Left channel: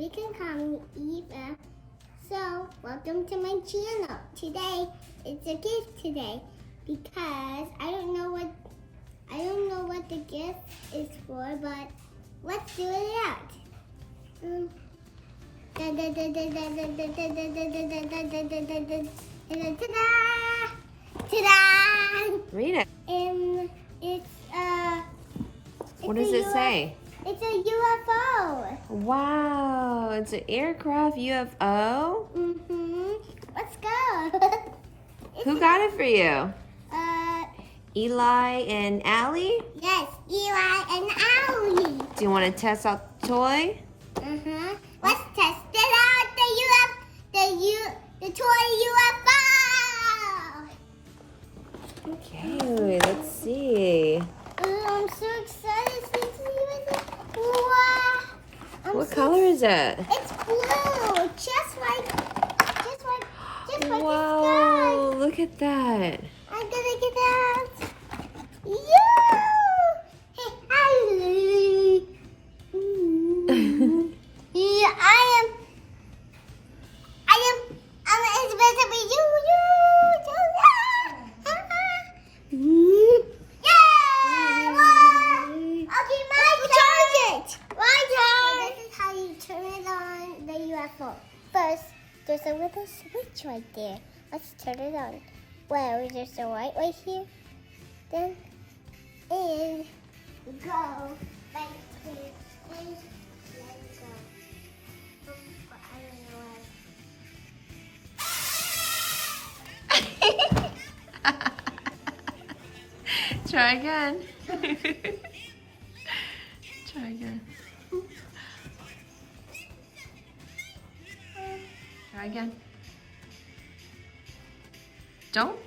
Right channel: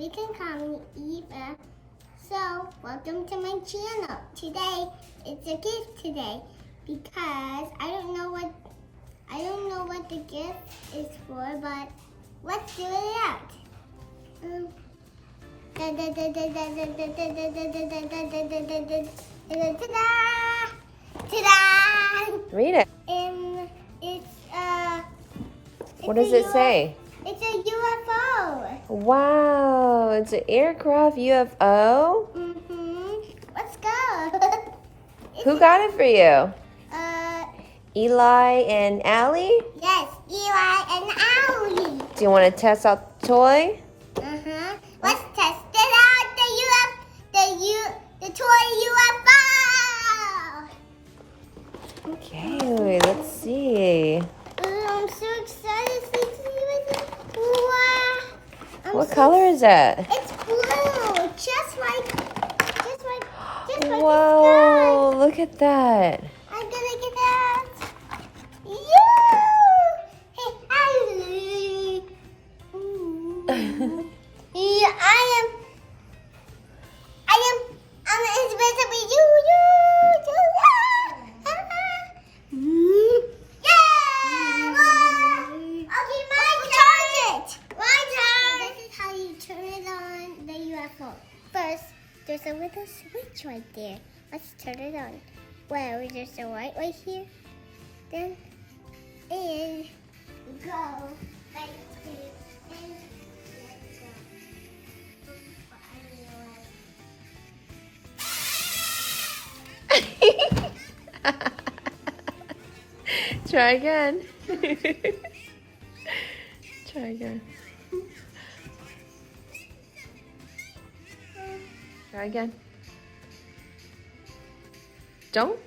You can call me Eva. So, welcome to my channel. Today, it's a gift today because I don't know what the gift is for, but let's do it out. Ta-da! Read it. What does it say? It's a UFO. Wow, it's an aircraft UFO? Let's go. Who got it for you? Eli and Allie? Yes, Eli and Allie. Do you want to test out the toy? Let's test it out. The toy UFO. Okay, let's see. I'm so excited to see it. Wow. What color is that? It's blue, just like Wow, look at that. I'm gonna get that. Yeah. Hey, hi. Yeah, I'm invisible. Okay, my turn. This is how you turn it on the UFO. First, there's a little switch right there. Let's turn it on. Well, there's a light right here. Then, and go back to and let go. Try again. Try again. Try again. Don't.